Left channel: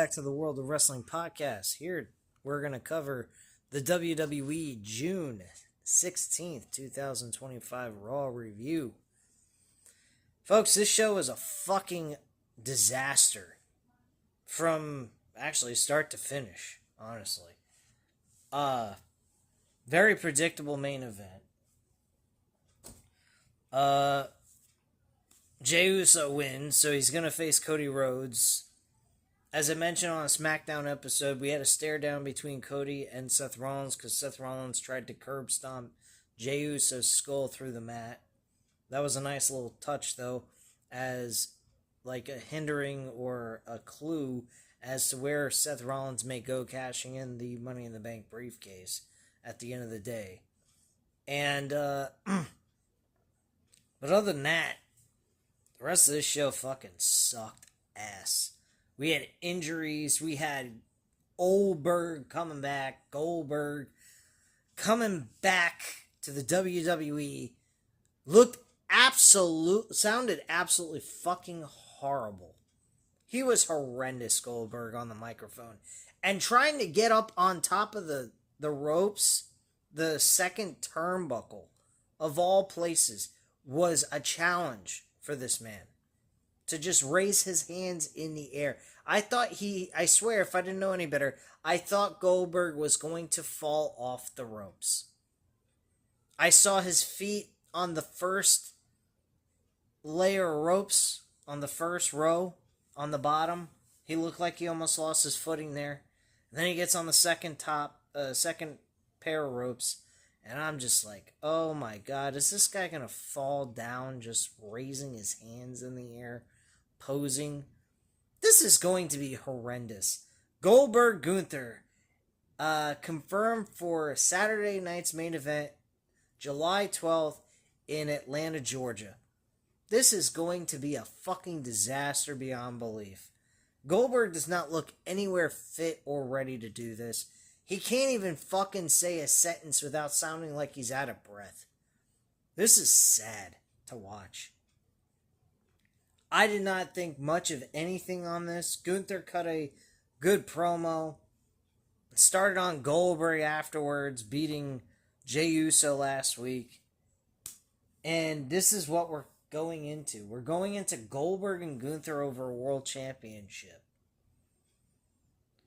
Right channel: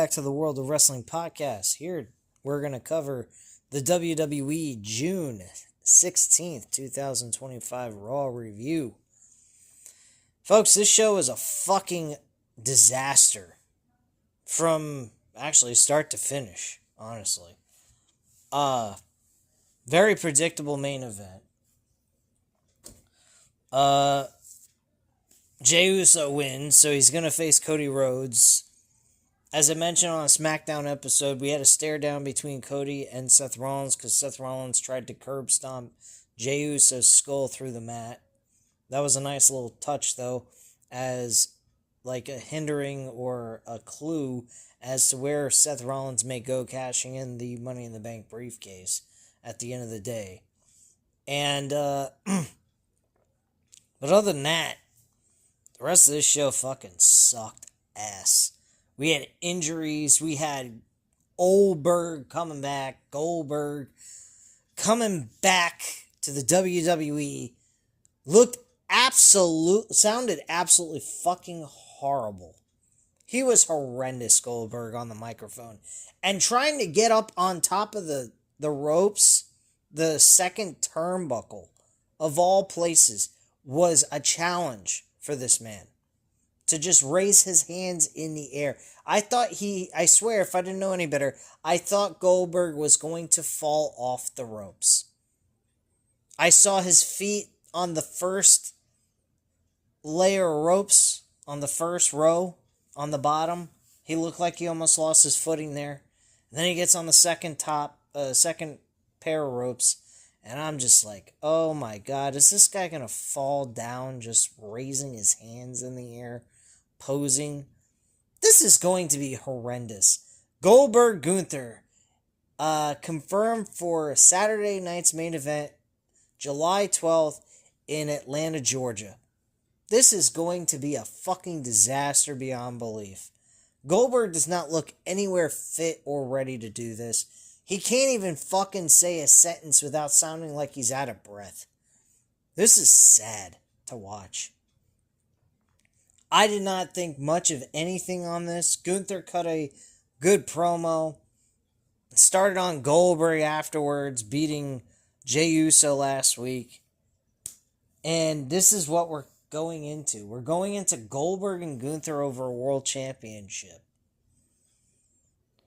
Back to the World of Wrestling podcast. Here we're going to cover the WWE June 16th, 2025 Raw review. Folks, this show is a fucking disaster from actually start to finish, honestly. Very predictable main event. Jey Uso wins, so he's going to face Cody Rhodes. As I mentioned on a SmackDown episode, we had a stare down between Cody and Seth Rollins because Seth Rollins tried to curb stomp Jey Uso's skull through the mat. That was a nice little touch, though, as like a hindering or a clue as to where Seth Rollins may go cashing in the Money in the Bank briefcase at the end of the day. And, but other than that, the rest of this show fucking sucked ass. We had injuries. We had Goldberg coming back to the WWE. Sounded absolutely fucking horrible. He was horrendous, Goldberg, on the microphone. And trying to get up on top of the ropes, the second turnbuckle, of all places, was a challenge for this man. To just raise his hands in the air. I swear, if I didn't know any better, I thought Goldberg was going to fall off the ropes. I saw his feet on the first layer of ropes, on the first row, on the bottom. He looked like he almost lost his footing there. Then he gets on the second pair of ropes, and I'm just like, oh my God, is this guy going to fall down just raising his hands in the air, posing? This is going to be horrendous. Goldberg Gunther confirmed for Saturday night's main event, July 12th in Atlanta, Georgia. This is going to be a fucking disaster beyond belief. Goldberg does not look anywhere fit or ready to do this. He can't even fucking say a sentence without sounding like he's out of breath. This is sad to watch. I did not think much of anything on this. Gunther cut a good promo. Started on Goldberg afterwards, beating Jey Uso last week. And this is what we're going into. We're going into Goldberg and Gunther over a world championship.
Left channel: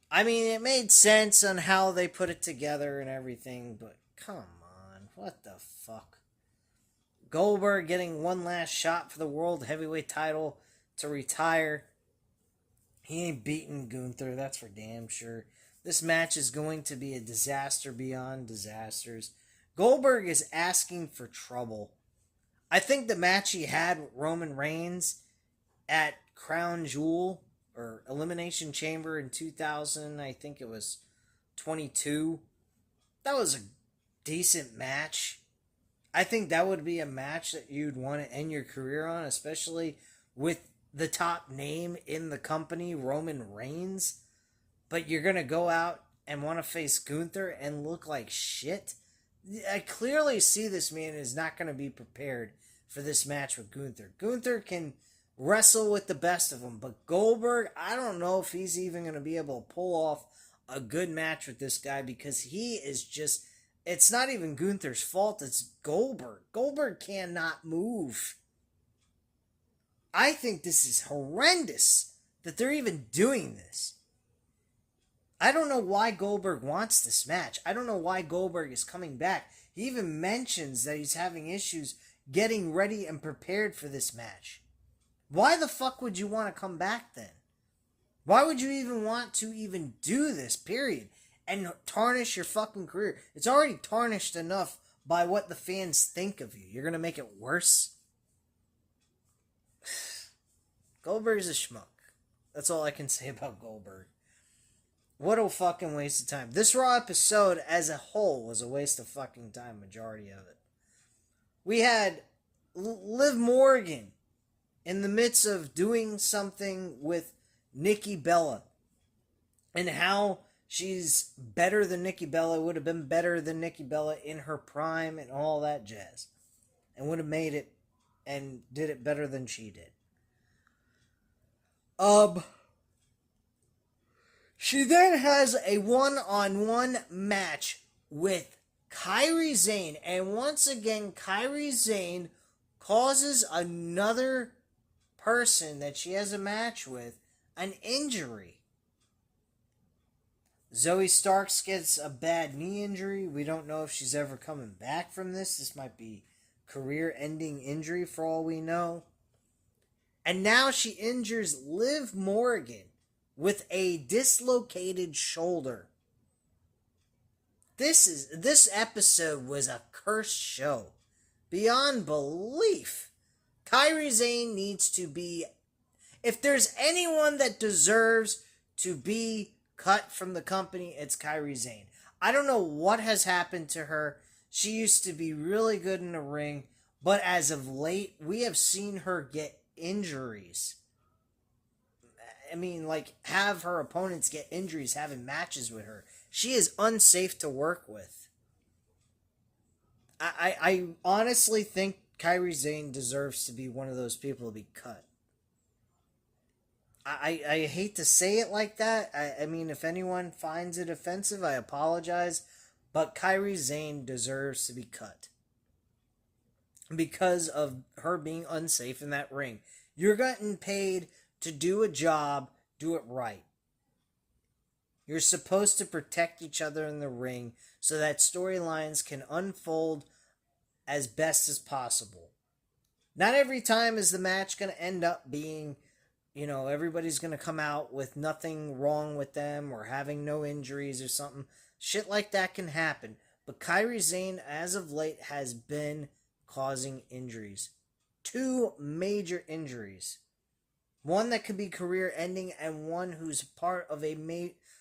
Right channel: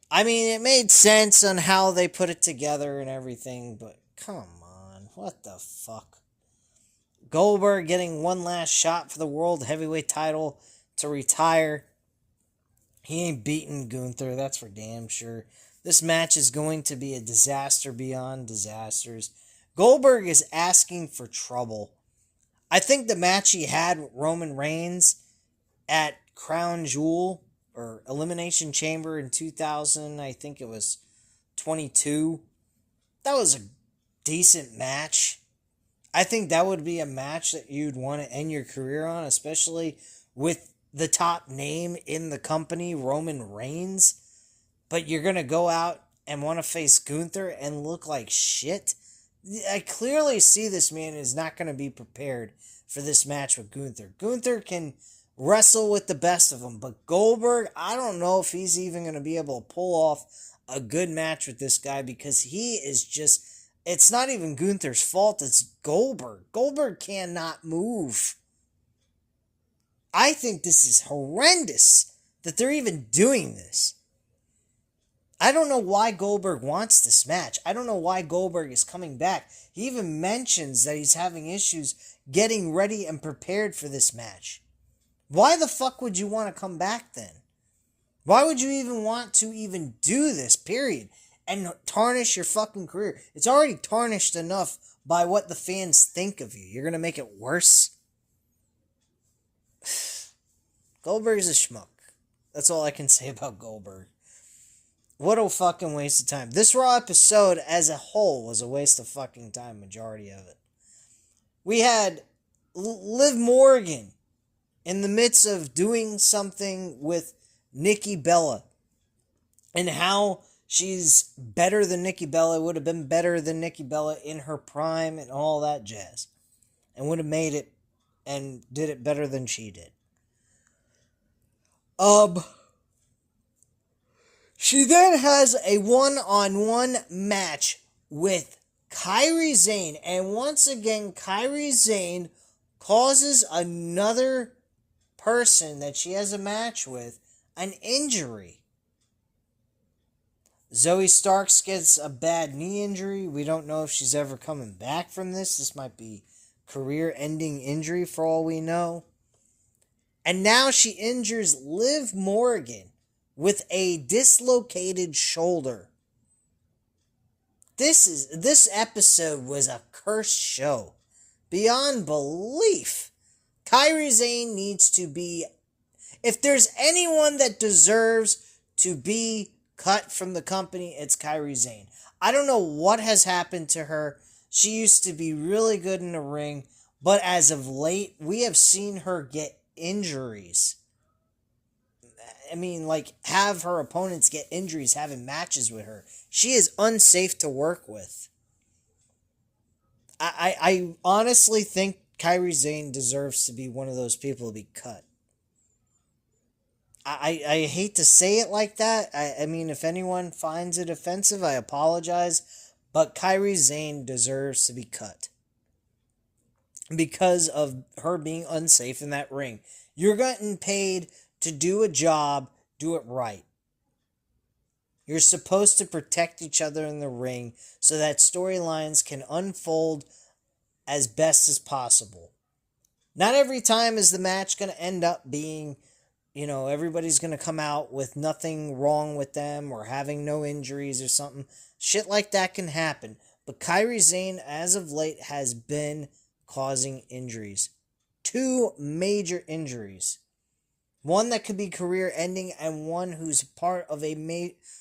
I mean, it made sense on how they put it together and everything, but come on, what the fuck? Goldberg getting one last shot for the World Heavyweight title to retire. He ain't beating Gunther, that's for damn sure. This match is going to be a disaster beyond disasters. Goldberg is asking for trouble. I think the match he had with Roman Reigns at Crown Jewel or Elimination Chamber in 2000, I think it was 22. That was a decent match. I think that would be a match that you'd want to end your career on, especially with the top name in the company, Roman Reigns. But you're going to go out and want to face Gunther and look like shit? I clearly see this man is not going to be prepared for this match with Gunther. Gunther can wrestle with the best of them, but Goldberg, I don't know if he's even going to be able to pull off a good match with this guy because he is just... It's not even Gunther's fault, it's Goldberg. Goldberg cannot move. I think this is horrendous that they're even doing this. I don't know why Goldberg wants this match. I don't know why Goldberg is coming back. He even mentions that he's having issues getting ready and prepared for this match. Why the fuck would you want to come back then? Why would you even want to even do this, period? And tarnish your fucking career. It's already tarnished enough by what the fans think of you. You're going to make it worse? Goldberg's a schmuck. That's all I can say about Goldberg. What a fucking waste of time. This Raw episode as a whole was a waste of fucking time, majority of it. We had Liv Morgan in the midst of doing something with Nikki Bella. And how she's better than Nikki Bella, would have been better than Nikki Bella in her prime and all that jazz. And would have made it and did it better than she did. She then has a one-on-one match with Kairi Sane. And once again, Kairi Sane causes another person that she has a match with an injury. Zoe Starks gets a bad knee injury. We don't know if she's ever coming back from this. This might be career-ending injury for all we know. And now she injures Liv Morgan with a dislocated shoulder. This episode was a cursed show. Beyond belief. Kairi Sane needs to be... If there's anyone that deserves to be cut from the company, it's Kairi Sane. I don't know what has happened to her. She used to be really good in the ring, but as of late, we have seen her get injuries. I mean, like, have her opponents get injuries having matches with her. She is unsafe to work with. I honestly think Kairi Sane deserves to be one of those people to be cut. I hate to say it like that. I mean, if anyone finds it offensive, I apologize. But Kairi Sane deserves to be cut. Because of her being unsafe in that ring. You're getting paid to do a job, do it right. You're supposed to protect each other in the ring so that storylines can unfold as best as possible. Not every time is the match going to end up being, everybody's going to come out with nothing wrong with them or having no injuries or something. Shit like that can happen. But Kairi Sane, as of late, has been causing injuries. 2 major injuries. One that could be career-ending and one who's part of a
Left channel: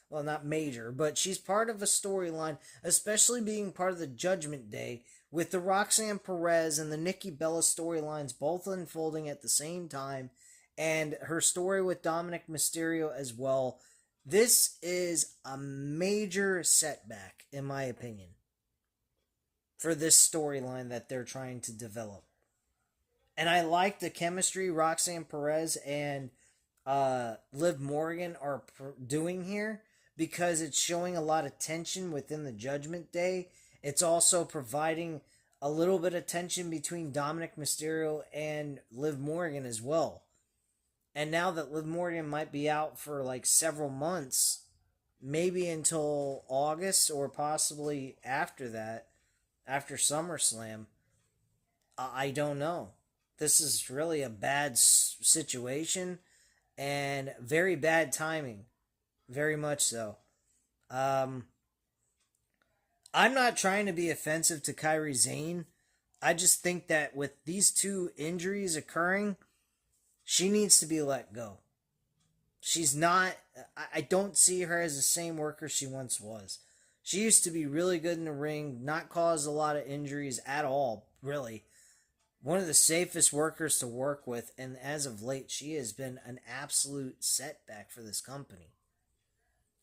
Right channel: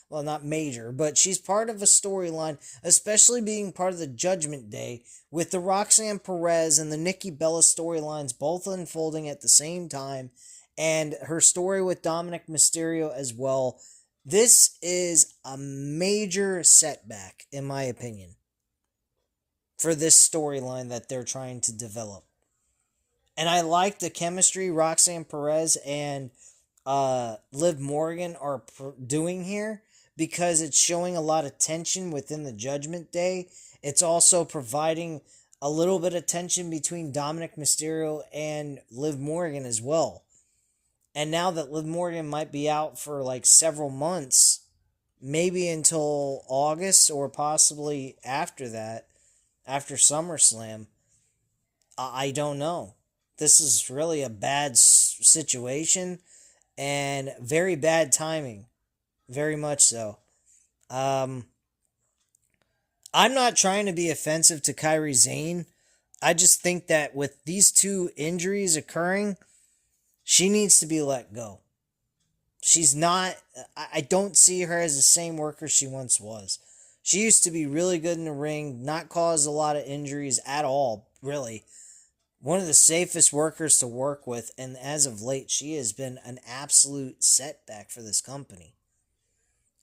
well, not major, but she's part of a storyline, especially being part of the Judgment Day, with the Roxanne Perez and the Nikki Bella storylines both unfolding at the same time, and her story with Dominic Mysterio as well. This is a major setback, in my opinion, for this storyline that they're trying to develop. And I like the chemistry Roxanne Perez and Liv Morgan are doing here, because it's showing a lot of tension within the Judgment Day. It's also providing a little bit of tension between Dominic Mysterio and Liv Morgan as well. And now that Liv Morgan might be out for like several months, maybe until August or possibly after that, after SummerSlam, I don't know. This is really a bad situation and very bad timing. Very much so. I'm not trying to be offensive to Kairi Sane. I just think that with these 2 injuries occurring, she needs to be let go. She's not... I don't see her as the same worker she once was. She used to be really good in the ring, not cause a lot of injuries at all, really. One of the safest workers to work with, and as of late, she has been an absolute setback for this company.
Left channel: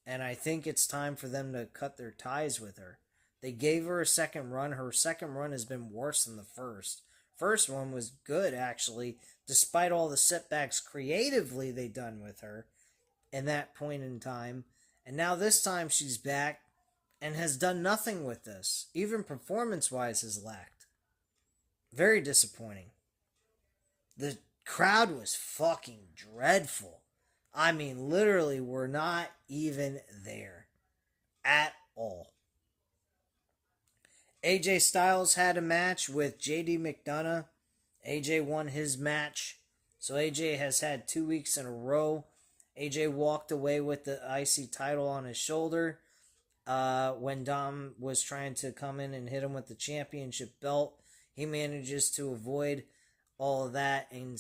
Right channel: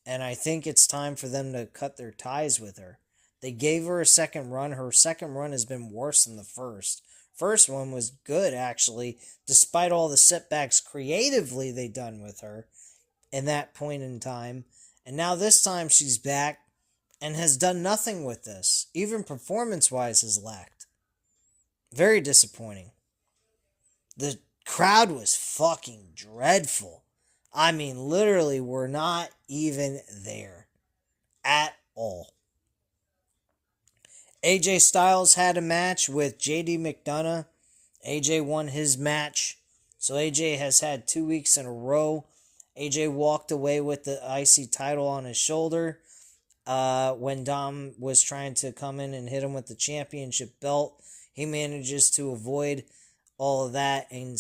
And I think it's time for them to cut their ties with her. They gave her a second run. Her second run has been worse than the first. First one was good, actually, despite all the setbacks creatively they done with her in that point in time. And now this time she's back and has done nothing with this. Even performance-wise has lacked. Very disappointing. The crowd was fucking dreadful. I mean, literally, we're not even there at all. AJ Styles had a match with JD McDonough. AJ won his match. So AJ has had 2 weeks in a row. AJ walked away with the IC title on his shoulder when Dom was trying to come in and hit him with the championship belt. He manages to avoid all of that and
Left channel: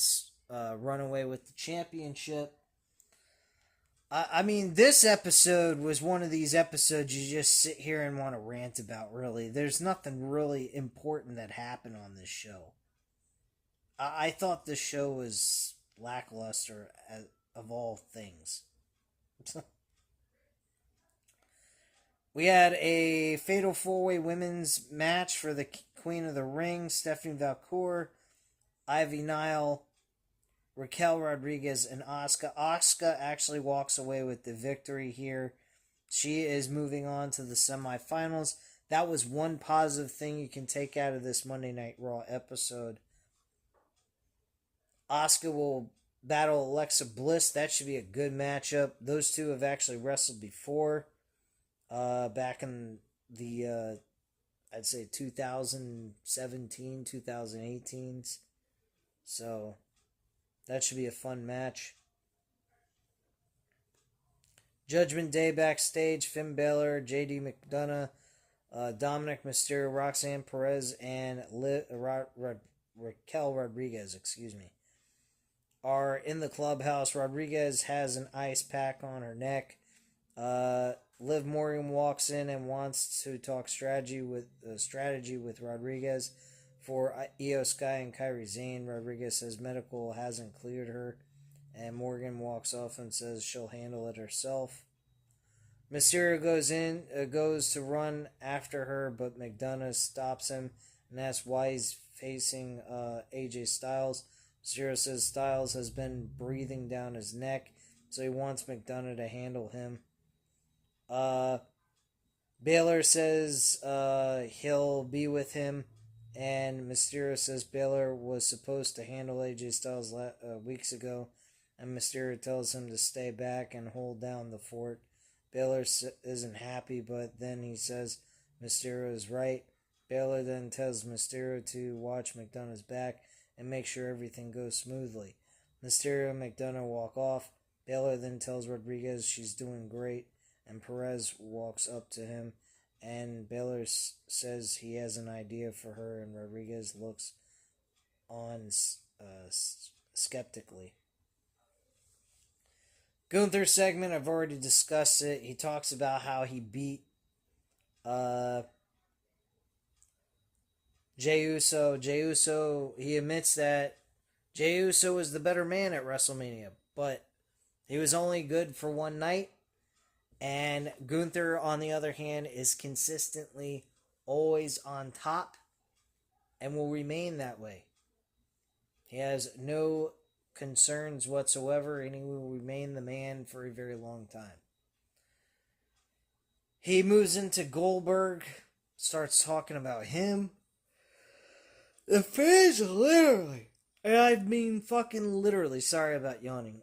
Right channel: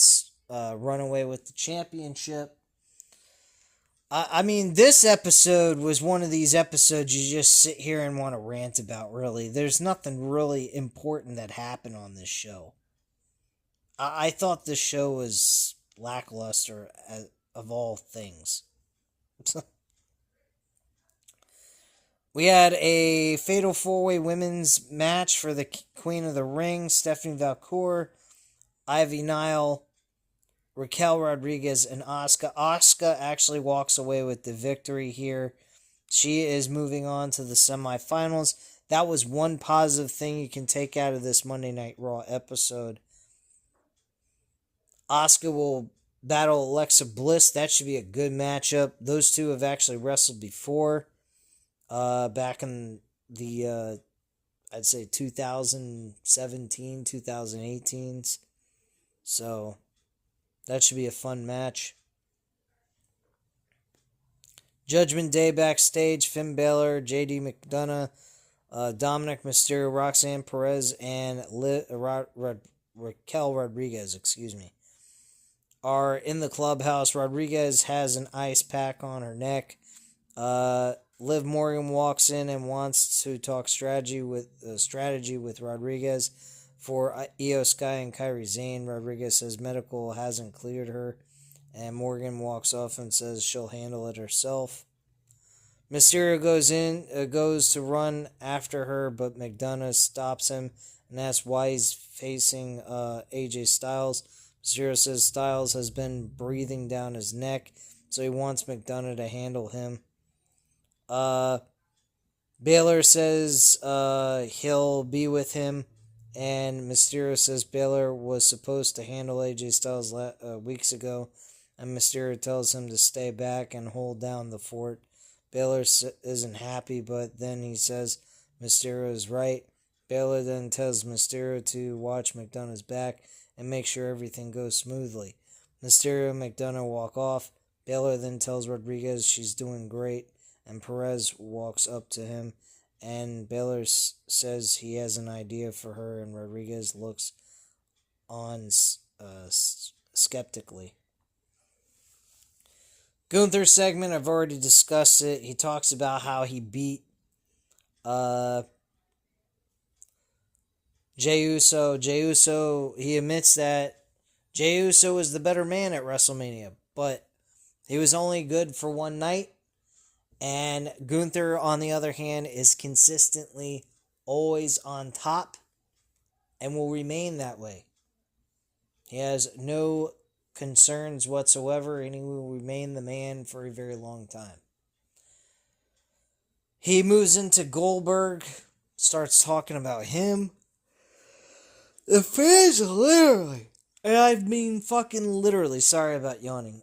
run away with the championship. I mean, this episode was one of these episodes you just sit here and want to rant about, really. There's nothing really important that happened on this show. I thought this show was lackluster of all things. We had a Fatal 4-Way Women's match for the Queen of the Ring, Stephanie Valcour, Ivy Nile, Raquel Rodriguez and Asuka. Asuka actually walks away with the victory here. She is moving on to the semifinals. That was one positive thing you can take out of this Monday Night Raw episode. Asuka will battle Alexa Bliss. That should be a good matchup. Those two have actually wrestled before. Back in the, I'd say 2017, 2018s. So, that should be a fun match. Judgment Day backstage. Finn Balor, JD McDonough, Dominic Mysterio, Roxanne Perez, and Raquel Rodriguez, are in the clubhouse. Rodriguez has an ice pack on her neck. Liv Morgan walks in and wants to talk strategy with Rodriguez for Io Sky and Kairi Sane. Rodriguez says medical hasn't cleared her, and Morgan walks off and says she'll handle it herself. Mysterio goes to run after her, but McDonough stops him and asks why he's facing AJ Styles. Mysterio says Styles has been breathing down his neck, so he wants McDonough to handle him. Baylor says he'll be with him, and Mysterio says Baylor was supposed to handle AJ Styles weeks ago, and Mysterio tells him to stay back and hold down the fort. Baylor isn't happy, but then he says Mysterio is right. Baylor then tells Mysterio to watch McDonough's back and make sure everything goes smoothly. Mysterio and McDonough walk off. Baylor then tells Rodriguez she's doing great, and Perez walks up to him, and Baylor says he has an idea for her, and Rodriguez looks on skeptically. Gunther's segment, I've already discussed it. He talks about how he beat Jey Uso. Jey Uso, he admits that Jey Uso was the better man at WrestleMania, but he was only good for one night. And Gunther, on the other hand, is consistently always on top and will remain that way. He has no concerns whatsoever, and he will remain the man for a very long time. He moves into Goldberg, starts talking about him. The fans literally, and I mean fucking literally, sorry about yawning,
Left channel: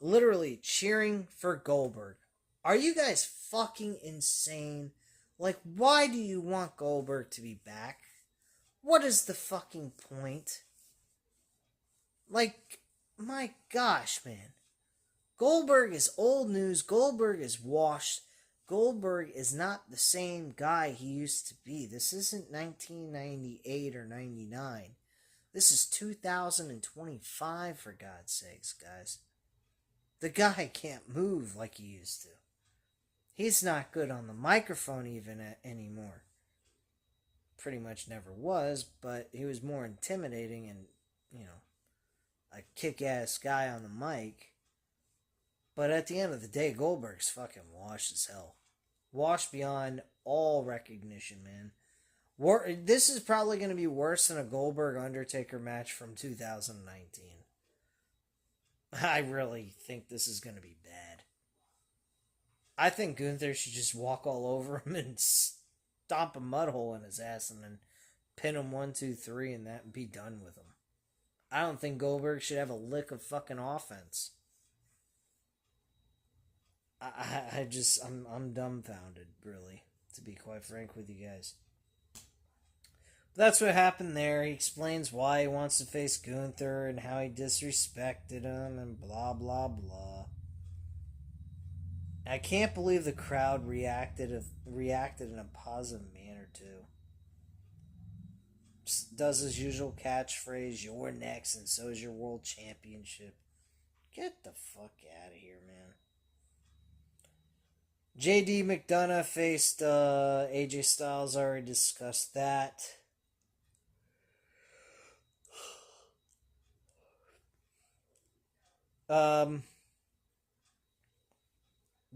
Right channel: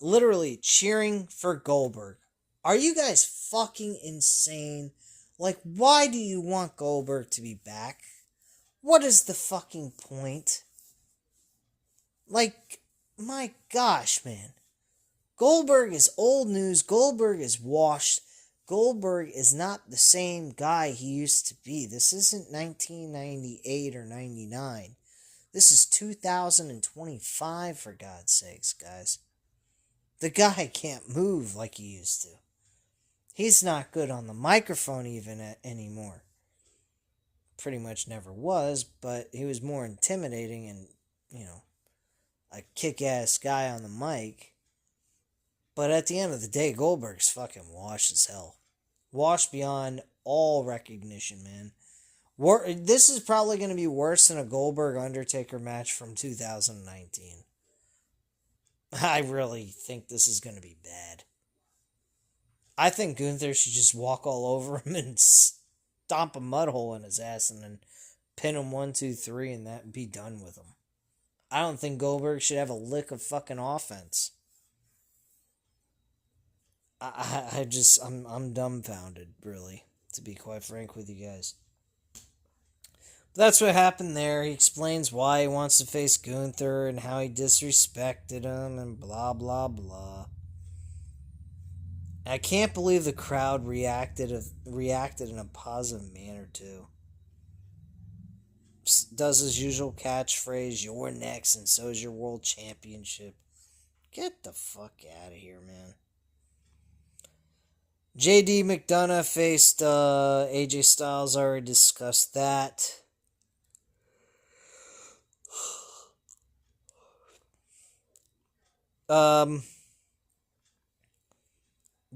literally cheering for Goldberg. Are you guys fucking insane? Like, why do you want Goldberg to be back? What is the fucking point? Like, my gosh, man. Goldberg is old news. Goldberg is washed. Goldberg is not the same guy he used to be. This isn't 1998 or 99. This is 2025, for God's sakes, guys. The guy can't move like he used to. He's not good on the microphone even anymore. Pretty much never was, but he was more intimidating and, a kick-ass guy on the mic. But at the end of the day, Goldberg's fucking washed as hell. Washed beyond all recognition, man. This is probably going to be worse than a Goldberg-Undertaker match from 2019. I really think this is going to be bad. I think Gunther should just walk all over him and stomp a mud hole in his ass and then pin him 1, 2, 3 and that be done with him. I don't think Goldberg should have a lick of fucking offense. I'm dumbfounded, really, to be quite frank with you guys. But that's what happened there. He explains why he wants to face Gunther and how he disrespected him and blah, blah, blah. I can't believe the crowd reacted in a positive manner, too. Does his usual catchphrase, "You're next, and so's your world championship." Get the fuck out of here, man. JD McDonough faced AJ Styles. I already discussed that.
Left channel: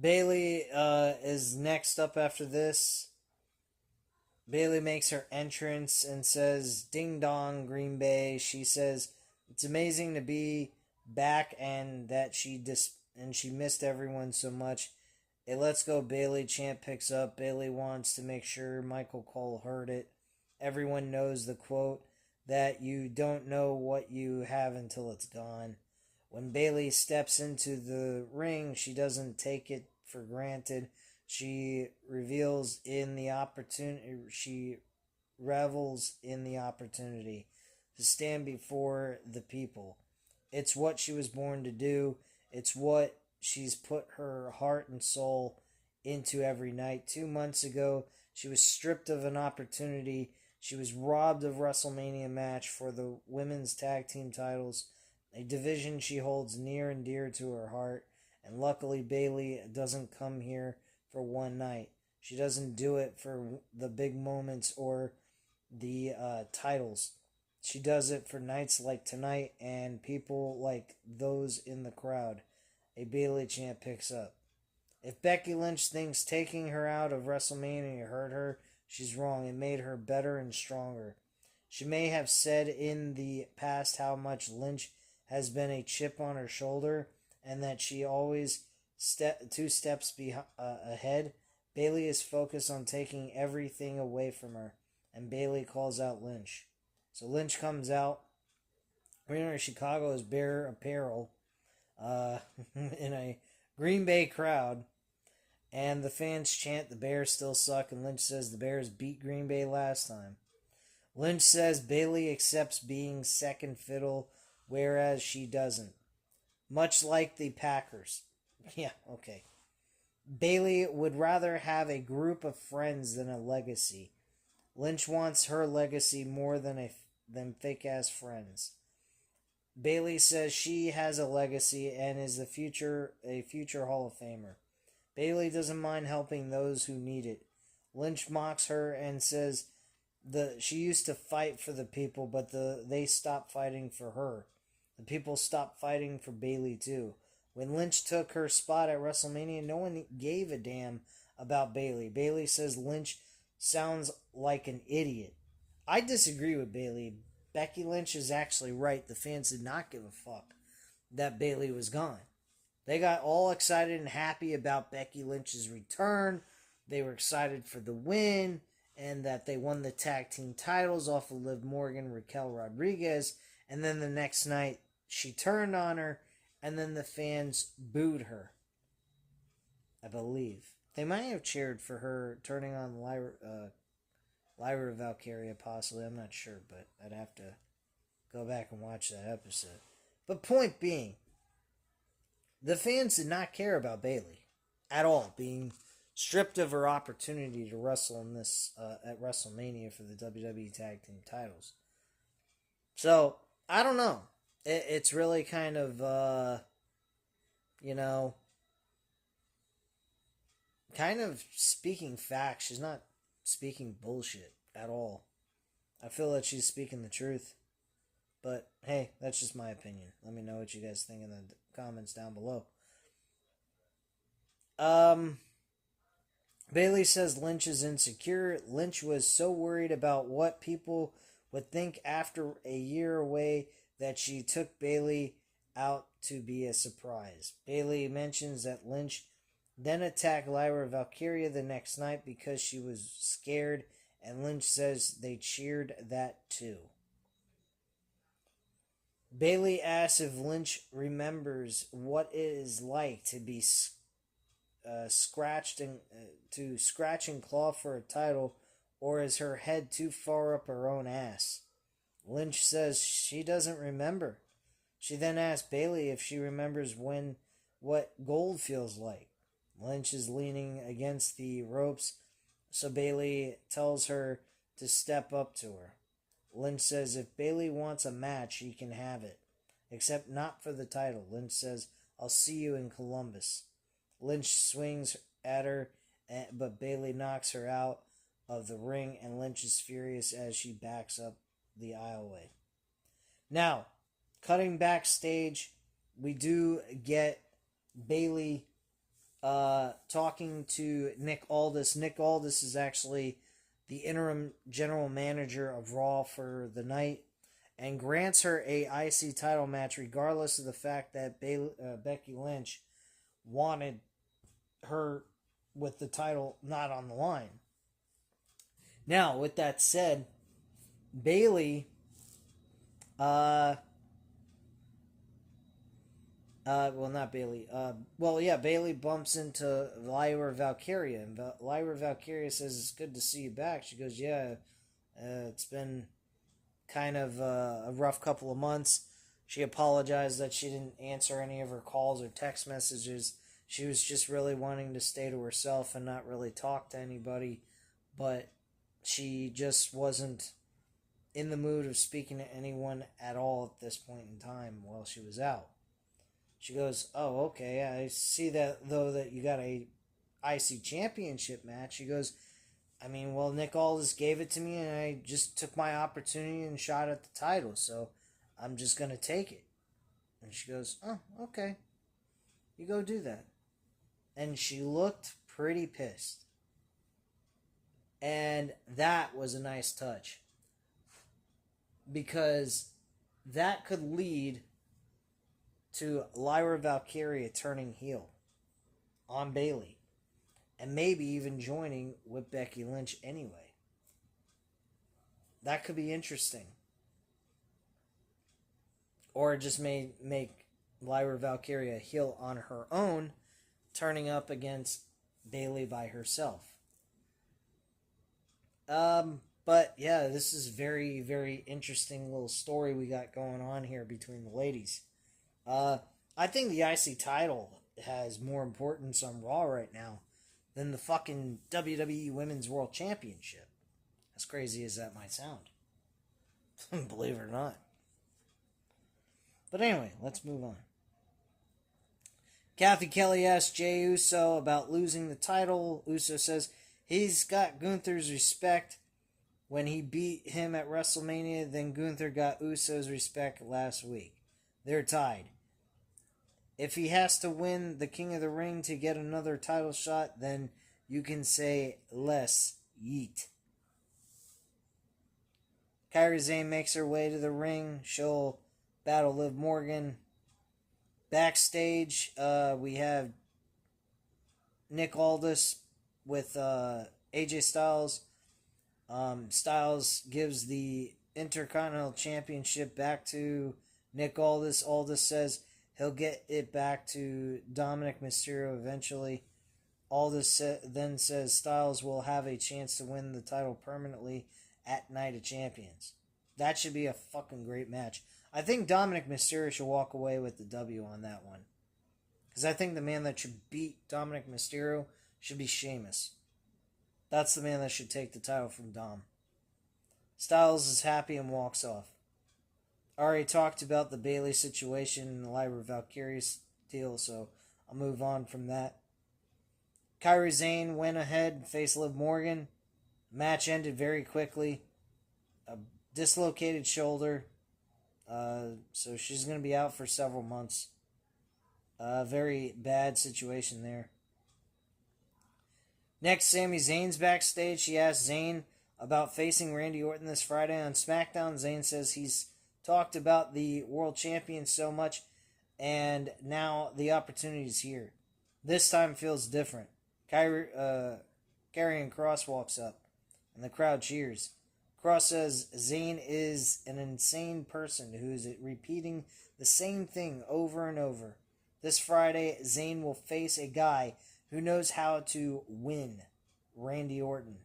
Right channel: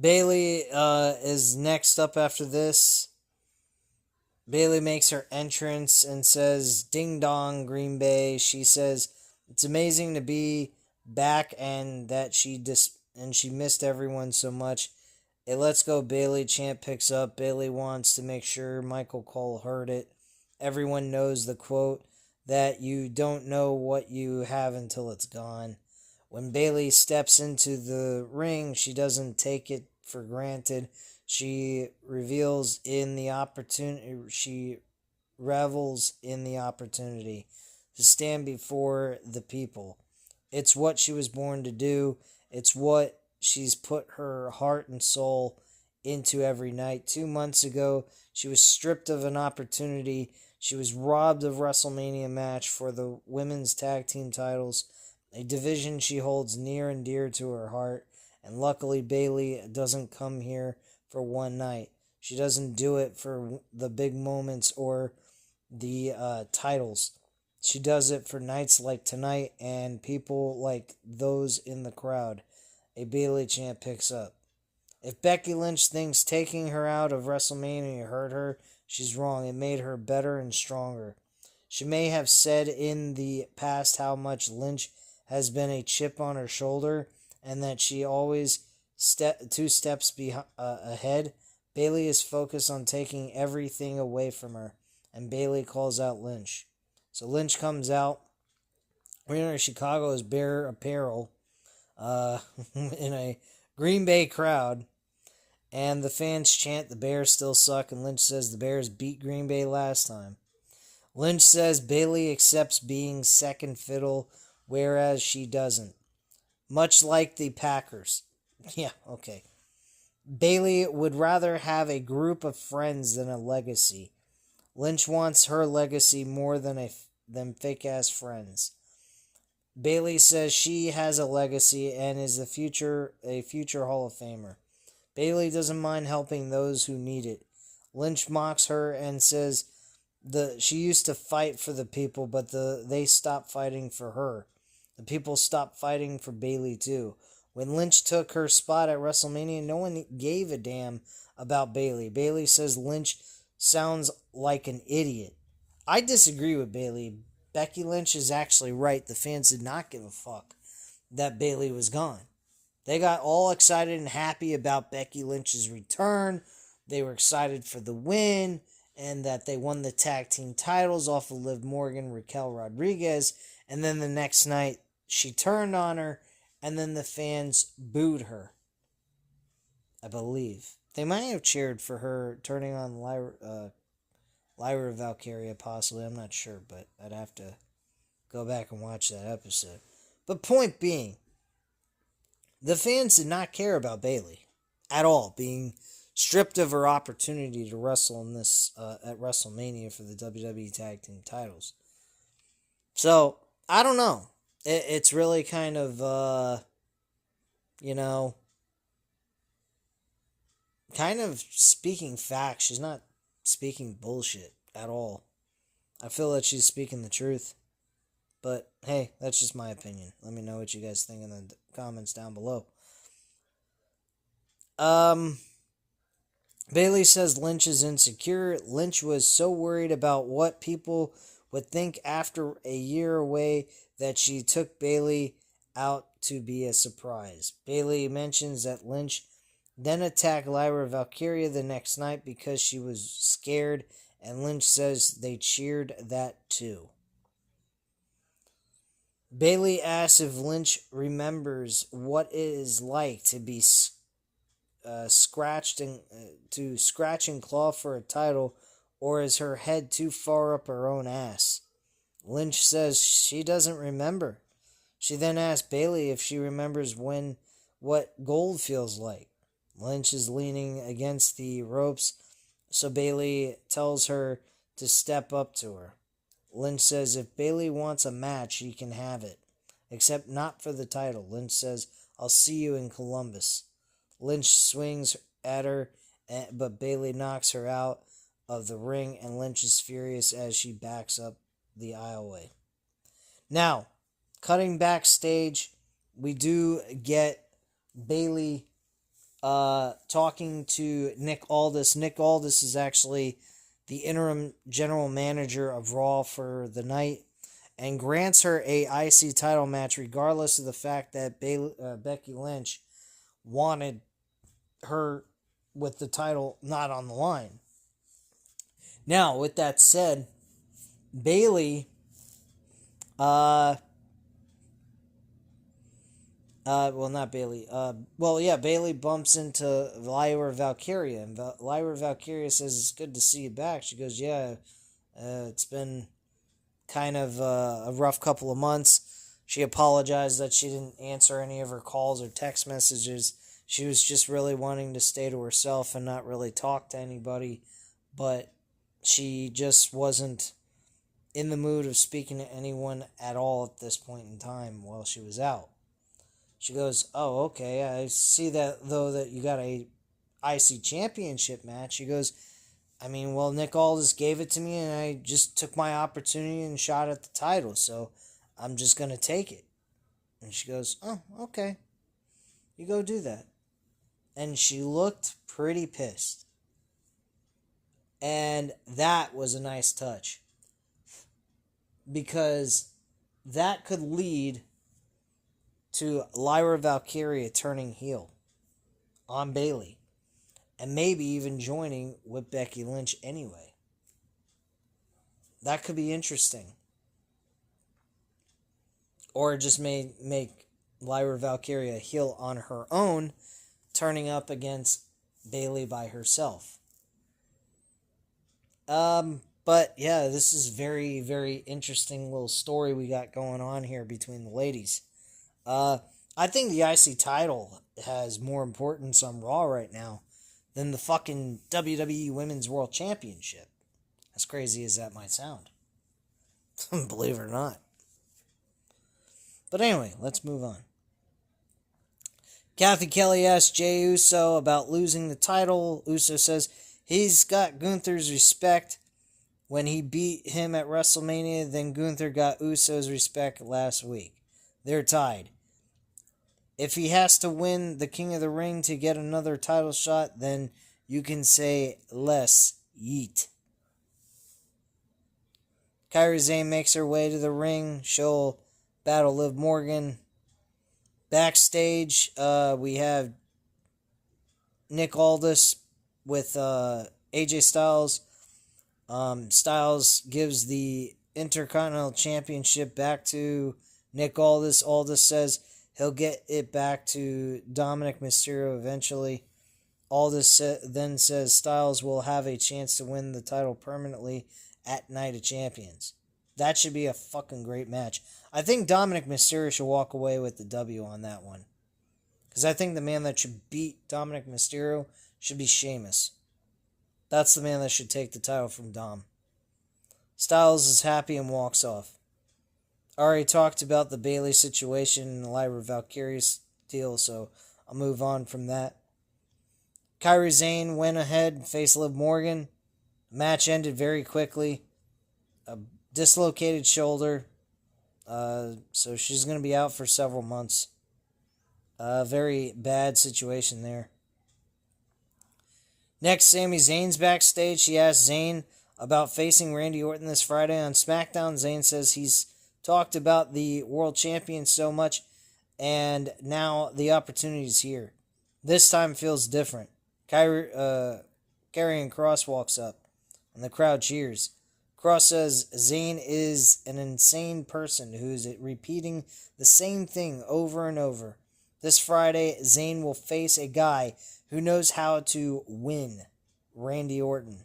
Bayley is next up after this. Bayley makes her entrance and says, "Ding dong, Green Bay." She says, "It's amazing to be back, and that she missed everyone so much. A Let's Go Bailey chant picks up. Bailey wants to make sure Michael Cole heard it. Everyone knows the quote that you don't know what you have until it's gone. When Bailey steps into the ring, she doesn't take it for granted. She reveals in the opportunity. She revels in the opportunity to stand before the people. It's what she was born to do. It's what she's put her heart and soul into every night. 2 months ago, she was stripped of an opportunity. She was robbed of WrestleMania match for the women's tag team titles, a division she holds near and dear to her heart. And luckily, Bailey doesn't come here for one night. She doesn't do it for the big moments or the titles. She does it for nights like tonight and people like those in the crowd. A Bailey chant picks up. If Becky Lynch thinks taking her out of WrestleMania hurt her, she's wrong. It made her better and stronger. She may have said in the past how much Lynch has been a chip on her shoulder and that she always two steps ahead. Bailey is focused on taking everything away from her, and Bailey calls out Lynch. So Lynch comes out wearing Chicago's Bear apparel in a Green Bay crowd, and the fans chant the Bears still suck, and Lynch says the Bears beat Green Bay last time. Lynch says Bailey accepts being second fiddle, whereas she doesn't. Much like the Packers. Yeah, okay. Bailey would rather have a group of friends than a legacy. Lynch wants her legacy more than fake-ass friends. Bailey says she has a legacy and is a future Hall of Famer. Bailey doesn't mind helping those who need it. Lynch mocks her and says she used to fight for the people, but they stopped fighting for her. The people stopped fighting for Bailey too. When Lynch took her spot at WrestleMania, no one gave a damn about Bailey. Bailey says Lynch sounds like an idiot. I disagree with Bailey. Becky Lynch is actually right. The fans did not give a fuck that Bailey was gone. They got all excited and happy about Becky Lynch's return. They were excited for the win and that they won the tag team titles off of Liv Morgan, Raquel Rodriguez. And then the next night, she turned on her, and then the fans booed her. I believe. They might have cheered for her turning on Lyra Valkyria, possibly. I'm not sure, but I'd have to go back and watch that episode. But point being, the fans did not care about Bailey at all, being stripped of her opportunity to wrestle in this at WrestleMania for the WWE Tag Team titles. So, I don't know. It's really kind of, kind of speaking facts. She's not speaking bullshit at all. I feel that she's speaking the truth. But, hey, that's just my opinion. Let me know what you guys think in the comments down below. Bailey says Lynch is insecure. Lynch was so worried about what people would think after a year away that she took Bailey out to be a surprise. Bailey mentions that Lynch then attacked Lyra Valkyria the next night because she was scared, and Lynch says they cheered that too. Bailey asks if Lynch remembers what it is like to be scratch and claw for a title, or is her head too far up her own ass? Lynch says she doesn't remember. She then asks Bailey if she remembers what gold feels like. Lynch is leaning against the ropes, so Bailey tells her to step up to her. Lynch says if Bailey wants a match, he can have it, except not for the title. Lynch says, I'll see you in Columbus. Lynch swings at her, but Bailey knocks her out of the ring, and Lynch is furious as she backs up the aisleway. Now, cutting backstage, we do get Bailey talking to Nick Aldis. Nick Aldis is actually the interim general manager of Raw for the night, and grants her a IC title match regardless of the fact that Becky Lynch wanted her with the title not on the line. Now, with that said, Bayley, not Bayley. Bayley bumps into Lyra Valkyria, and Lyra Valkyria says, "It's good to see you back." She goes, "Yeah, it's been kind of a rough couple of months." She apologized that she didn't answer any of her calls or text messages. She was just really wanting to stay to herself and not really talk to anybody, but she just wasn't in the mood of speaking to anyone at all at this point in time while she was out. She goes, "Oh, okay, I see that, though, that you got a IC championship match." She goes, Nick Aldis gave it to me, and I just took my opportunity and shot at the title, so I'm just going to take it. And she goes, "Oh, okay. You go do that." And she looked pretty pissed. And that was a nice touch. Because that could lead to Lyra Valkyria turning heel on Bayley. And maybe even joining with Becky Lynch anyway. That could be interesting. Or just may make Lyra Valkyria heel on her own, turning up against Bayley by herself. But yeah, this is very, very interesting little story we got going on here between the ladies. I think the IC title has more importance on Raw right now than the fucking WWE Women's World Championship. As crazy as that might sound. Believe it or not. But anyway, let's move on. Kathy Kelly asked Jey Uso about losing the title. Uso says he's got Gunther's respect when he beat him at WrestleMania. Then Gunther got Uso's respect last week. They're tied. If he has to win the King of the Ring to get another title shot, then you can say less yeet. Kairi Sane makes her way to the ring. She'll battle Liv Morgan. Backstage, we have Nick Aldis with AJ Styles. Styles gives the Intercontinental Championship back to Nick Aldis. Aldis says he'll get it back to Dominic Mysterio eventually. Aldis then says Styles will have a chance to win the title permanently at Night of Champions. That should be a fucking great match. I think Dominic Mysterio should walk away with the W on that one. Because I think the man that should beat Dominic Mysterio should be Sheamus. That's the man that should take the title from Dom. Styles is happy and walks off. Already talked about the Bayley situation and the Lyra Valkyria's deal, so I'll move on from that. Kairi Sane went ahead and faced Liv Morgan. Match ended very quickly. A dislocated shoulder. So she's going to be out for several months. Very bad situation there. Next, Sami Zayn's backstage. She asked Zayn about facing Randy Orton this Friday on SmackDown. Zayn says he's talked about the world champion so much, and now the opportunity's here. This time feels different. Karrion Kross walks up, and the crowd cheers. Kross says Zayn is an insane person who's repeating the same thing over and over. This Friday, Zayn will face a guy who knows how to win, Randy Orton.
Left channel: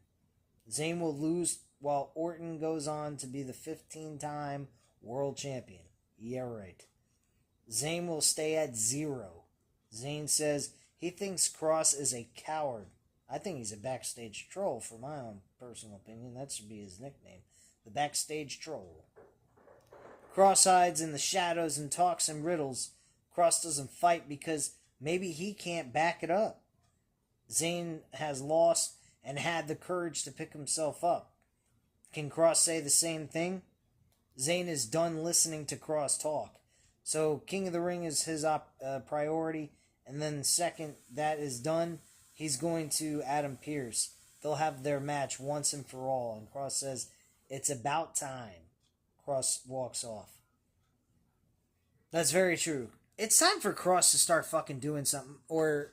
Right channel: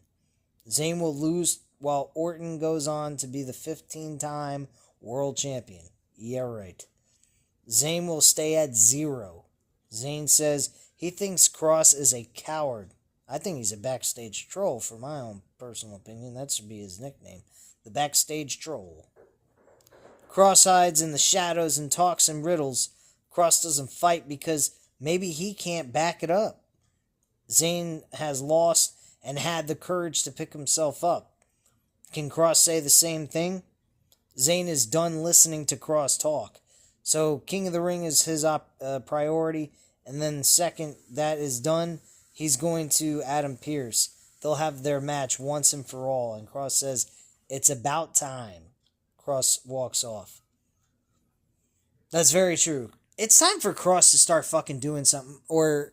Zayn will lose while Orton goes on to be the 15-time world champion. Yeah, right. Zayn will stay at 0. Zayn says he thinks Kross is a coward. I think he's a backstage troll, for my own personal opinion. That should be his nickname. The backstage troll. Kross hides in the shadows and talks in riddles. Kross doesn't fight because maybe he can't back it up. Zayn has lost and had the courage to pick himself up. Can Kross say the same thing? Zayn is done listening to Kross talk. So King of the Ring is his priority. And then second that is done, he's going to Adam Pearce. They'll have their match once and for all. And Kross says, it's about time. Cross walks off. That's very true. It's time for Cross to start fucking doing something, or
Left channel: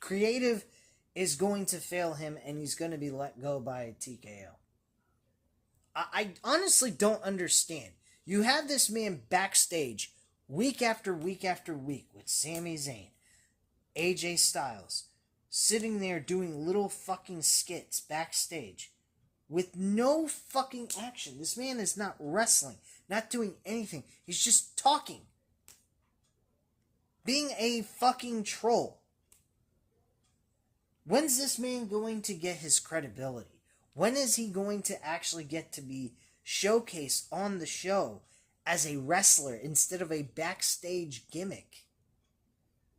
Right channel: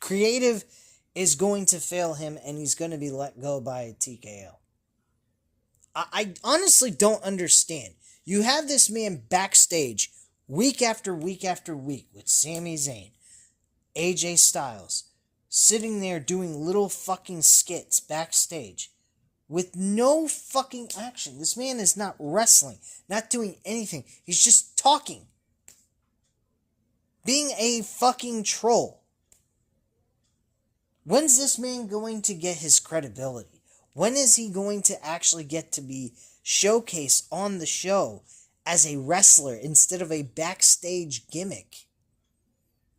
creative is going to fail him and he's going to be let go by TKO. I honestly don't understand. You have this man backstage week after week after week with Sami Zayn, AJ Styles, sitting there doing little fucking skits backstage with no fucking action. This man is not wrestling, not doing anything. He's just talking. Being a fucking troll. When's this man going to get his credibility? When is he going to actually get to be showcased on the show as a wrestler instead of a backstage gimmick?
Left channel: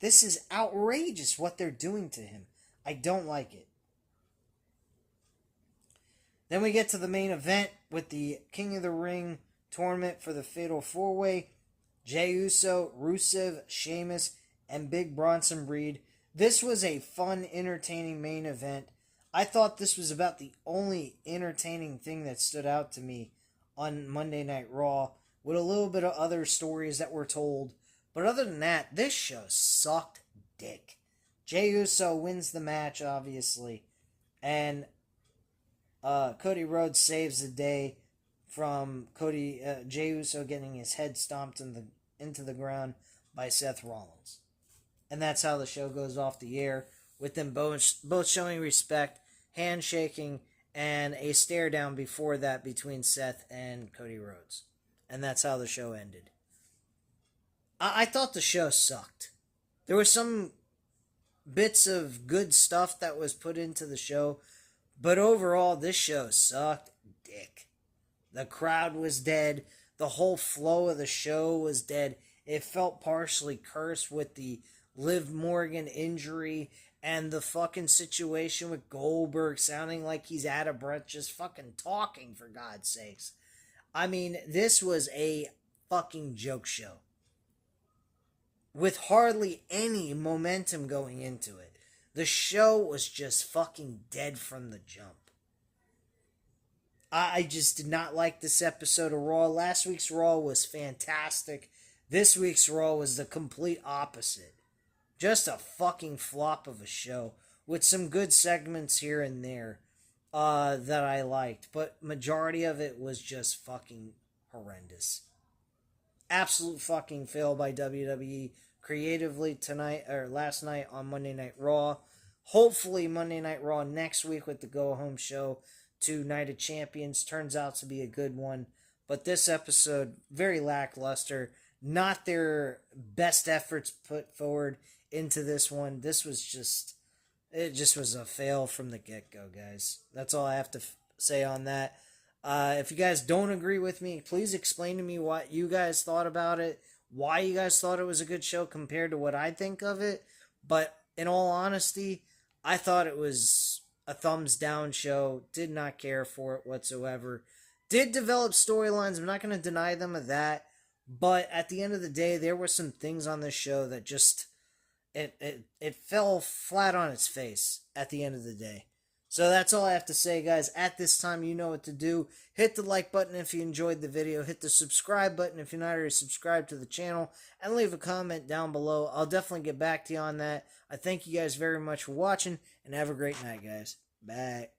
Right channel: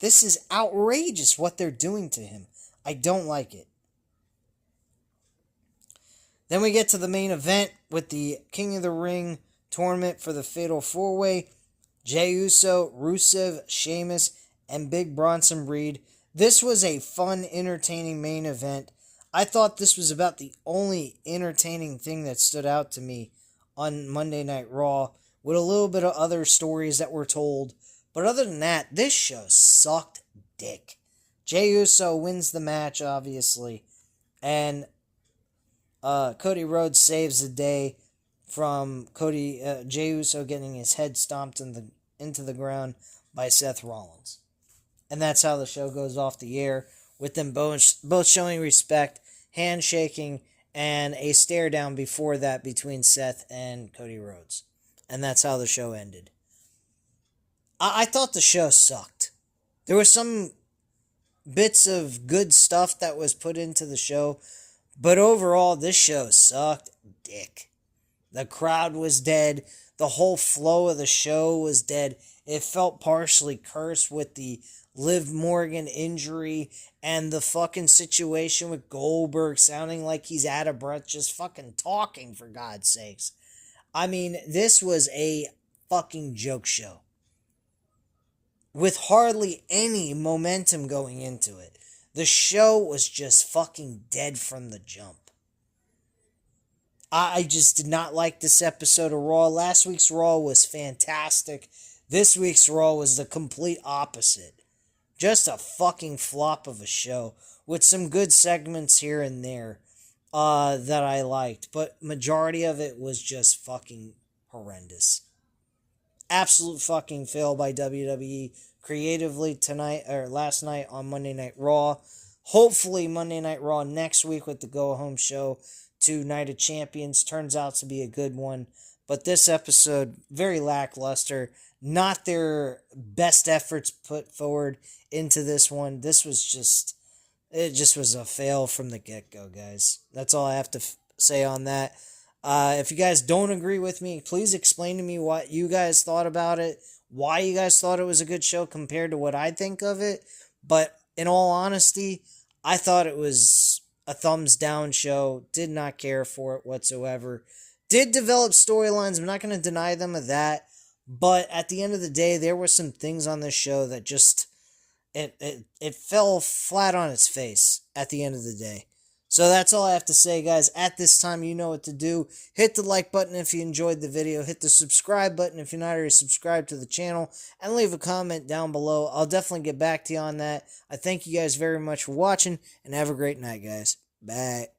This is outrageous what they're doing to him. I don't like it. Then we get to the main event with the King of the Ring tournament for the Fatal 4-Way. Jey Uso, Rusev, Sheamus, and Big Bronson Reed. This was a fun, entertaining main event. I thought this was about the only entertaining thing that stood out to me on Monday Night Raw, with a little bit of other stories that were told. But other than that, this show sucked dick. Jey Uso wins the match, obviously, and Cody Rhodes saves the day from Jey Uso getting his head stomped into the ground by Seth Rollins. And that's how the show goes off the air, with them both showing respect, handshaking, and a stare down before that between Seth and Cody Rhodes. And that's how the show ended. I thought the show sucked. There were some bits of good stuff that was put into the show, but overall, this show sucked dick. The crowd was dead. The whole flow of the show was dead. It felt partially cursed with the Liv Morgan injury and the fucking situation with Goldberg sounding like he's out of breath just fucking talking, for God's sakes. I mean, this was a fucking joke show with hardly any momentum going into it. The show was just fucking dead from the jump. I just did not like this episode of Raw. Last week's Raw was fantastic. This week's Raw was the complete opposite. Just a fucking flop of a show with some good segments here and there that I liked. But majority of it was just fucking horrendous. Absolute fucking fail by WWE creatively tonight or last night on Monday Night Raw. Hopefully Monday Night Raw next week with the go-home show to Night of Champions turns out to be a good one. But this episode, very lackluster. Not their best efforts put forward into this one. This was just, it just was a fail from the get-go, guys. That's all I have to say on that. If you guys don't agree with me, please explain to me what you guys thought about it, why you guys thought it was a good show compared to what I think of it. But in all honesty, I thought it was a thumbs down show. Did not care for it whatsoever. Did develop storylines. I'm not going to deny them of that. But at the end of the day, there were some things on this show that just, it fell flat on its face at the end of the day. So that's all I have to say, guys. At this time, you know what to do. Hit the like button if you enjoyed the video. Hit the subscribe button if you're not already subscribed to the channel. And leave a comment down below. I'll definitely get back to you on that. I thank you guys very much for watching. And have a great night, guys. Bye.